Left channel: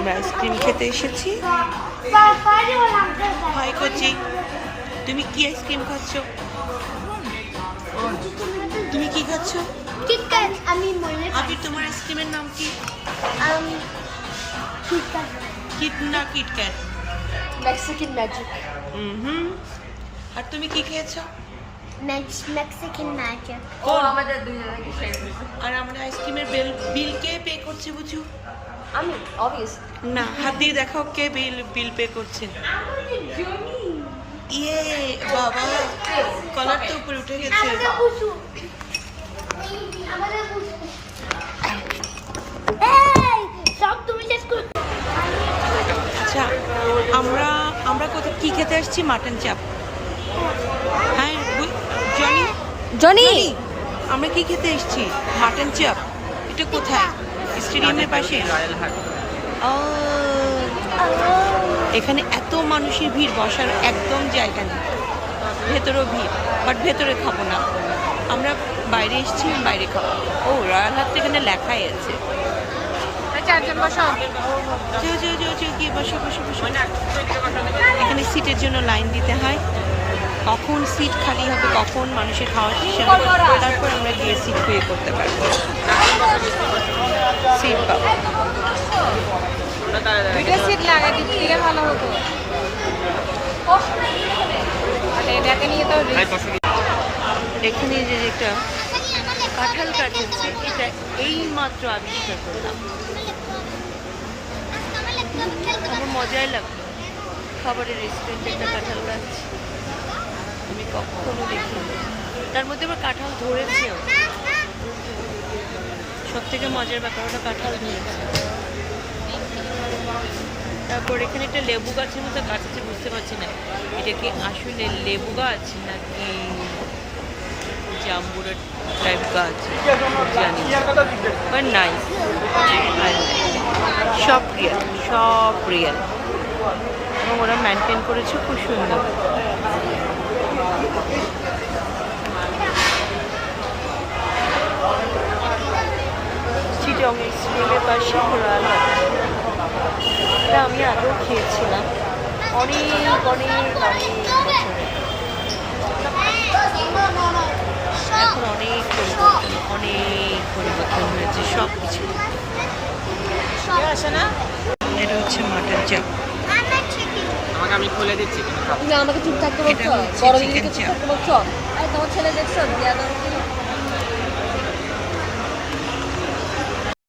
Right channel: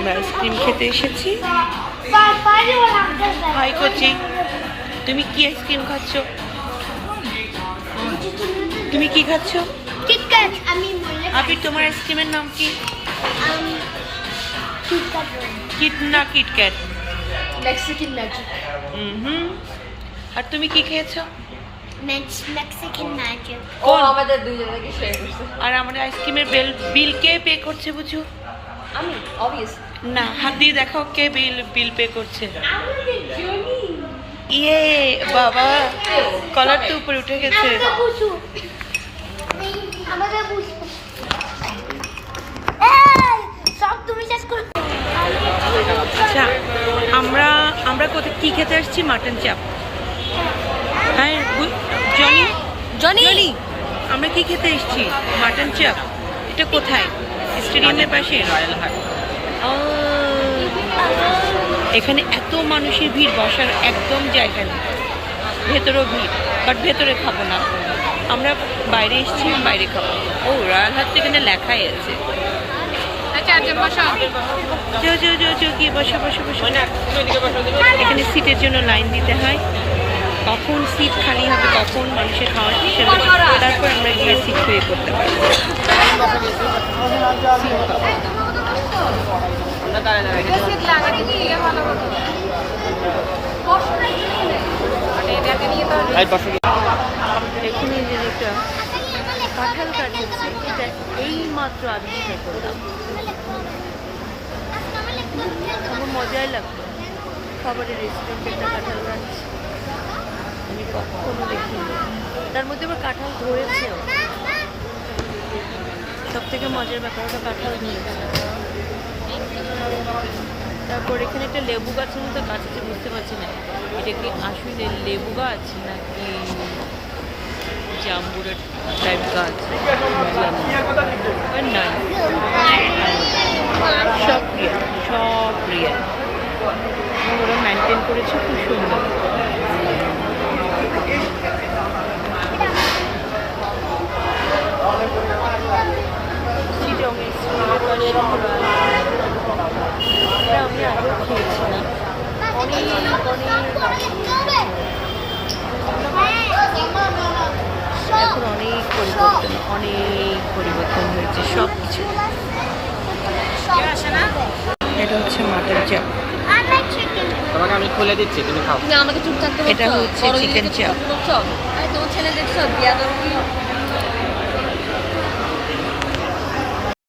আমরা আইসক্রিম খেতে এসেছি। হাই কোচি, তুমি কি আইসক্রিম খাচ্ছ? তুমি কি খাচ্ছ? কিটক্যাট। আমি মনে আবির, তোমার আইসক্রিমের নাম কি? কিটক্যাট। কিটক্যাট। Mexican magic. হুম। আর তুমি কি খেয়েছো? Mexican magic. ও আমাদের দুইজনকে শেয়ার করছে। আর আমাদের আইসক্রিমের বিল কে পে করছে বুঝু? আমি অবভিয়াস। না, হাত দিয়ে দেখাও কে বিল পে করছে। আমাদের জনি। ইয়ে বাবা, কলার তো উপরে উঠে গেছে। আমাদের বুঝু। এই সব তুমি শেষ করো। আচ্ছা, আমরা কোথায় কি খেতে আসছি? মাটন চাপ। হ্যাঁ জনি জনি, আমরা কি খেতে এসেছি? মাটন চাপ। এটা কোথায়? স্টেডিয়ামের পাশে। ও, এখানে এত মানুষের ভিড়, বসার একদম জায়গা নেই। ভেতরেও ভিড়, বাট ভেতরে খাবো না, আমরা বাইরে এসেছি, বাইরে খাবো। ও, রয়্যাল হাট এখানে লেখাই আছে। আচ্ছা, একজন বসো। কি বসো। এখানে সিটের জন্য লাইন দিতে হয়, কখন সিট খালি হবে, কখন মানুষের খাওয়ার হিসাবে, তারপর আমরা গিয়ে সিট পেয়ে করতে পারবো, সিট পাবো। এখানে যে একটা কাঁঠাল গাছ হচ্ছে, এটা এই মাত্র আবিষ্কার করলাম। আমার মজাই লাগলো, খাবারের রেস্টুরেন্টে একটা কাঁঠাল গাছ আমি কখনো দেখিনি। তার মধ্যে আবার কাঁঠাল ধরেছেও। সব থেকে মজার ব্যাপার, ওটা কাঁঠাল ধরেছে। তারপর এখানে একটা লেবু গাছের মতো গাছ আছে, বুঝতে পারছি না এটা কি আসলে লেবু গাছ নাকি জাম্বুরা টাইপ গাছ, জানি না, বাট নাই। সব রিয়েল এবং ওরা মেনটেন করেছে খুব সুন্দর। আমি আগেও খেয়েছিলাম অনেক এখন অনেক পরিবর্তন হয়েছে সব কিছু। এটা হচ্ছে মাটন চাপ, তোমাকে আমি খুলে দিচ্ছি, তুমি খাও। না, আমাকে চুপ থাকতে এটা হচ্ছে চিকেন চাপ। তোমার ছেলে দেখছো বিয়াদব